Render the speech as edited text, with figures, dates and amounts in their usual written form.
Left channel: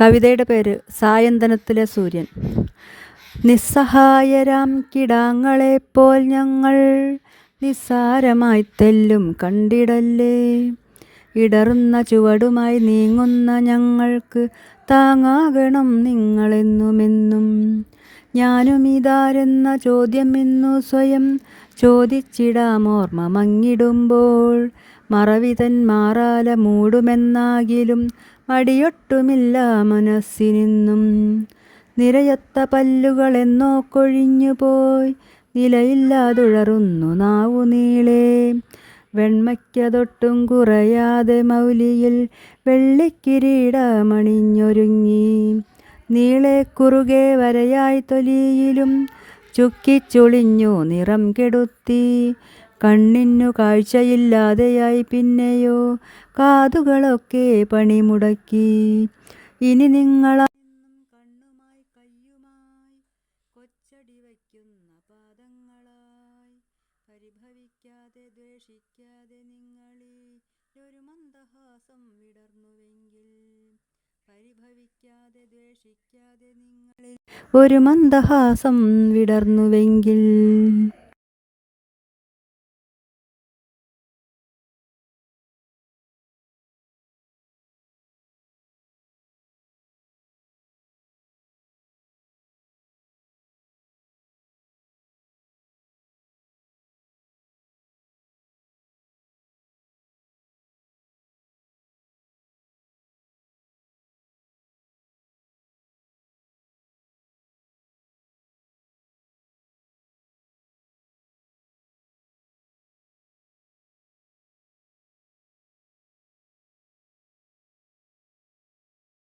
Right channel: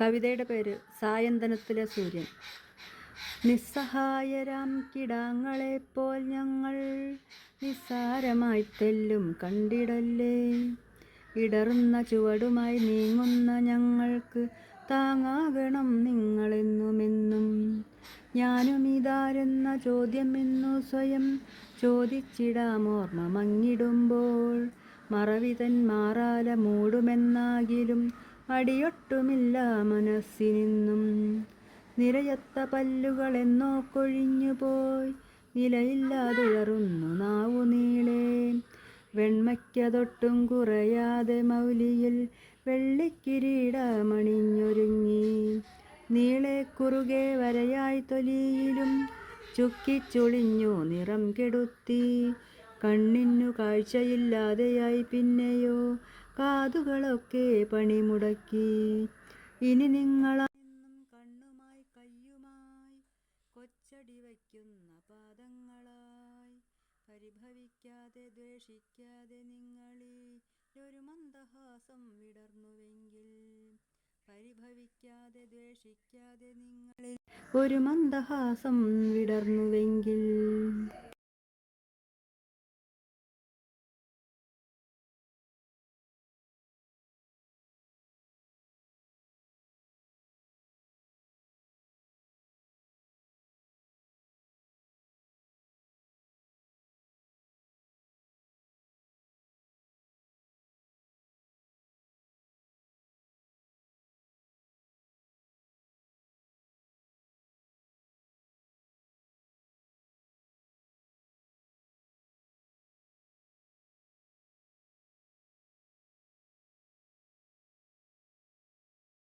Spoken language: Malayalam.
കവിതയുടെ പേര് സായന്തനത്തിലെ സൂര്യൻ. നിസ്സഹായരാം കിടാങ്ങളെപ്പോൽ ഞങ്ങൾ നിസ്സാരമായി തെല്ലും കണ്ടിടല്ലേ. ഇടറുന്ന ചുവടുമായി നീങ്ങുന്ന ഞങ്ങൾക്ക് താങ്ങാകണം നിങ്ങളെന്നുമെന്നും. ഞാനും ഇതാരെന്ന ചോദ്യം ഇന്നു സ്വയം ചോദിച്ചിടാം ഓർമ്മ മങ്ങിടുമ്പോൾ. മറവിതൻ മാറാല മൂടുമെന്നാകിലും മടിയൊട്ടുമില്ല മനസ്സിനിന്നും. നിരയത്ത പല്ലുകൾ എന്നോ കൊഴിഞ്ഞുപോയി നിലയില്ലാതുഴറുന്നു നാവു നീളെ. വെണ്മയ്ക്കതൊട്ടും കുറയാതെ മൗലിയിൽ വെള്ളിക്കിരീടമണിഞ്ഞൊരുങ്ങി. നീളെ കുറുകെ വരയായി തൊലിയിലും ചുക്കിച്ചുളിഞ്ഞു നിറം കെടുത്തി. കണ്ണിനു കാഴ്ചയില്ലാതെയായി പിന്നെയോ കാതുകളൊക്കെ പണിമുടക്കി. ഇനി നിങ്ങളെന്നും കണ്ണുമായി കയ്യുമായി കൊച്ചടി വയ്ക്കുന്ന പാദങ്ങളായി. പരിഭവിക്കാതെ ദ്വേഷിക്കാതെ നിങ്ങളിലൊരു മന്ദഹാസം വിടർന്നുവെങ്കിൽ. പരിഭവിക്കാതെ ദ്വേഷിക്കാതെ നിങ്ങളിൽ ഒരു മന്ദഹാസം വിടർന്നുവെങ്കിൽ.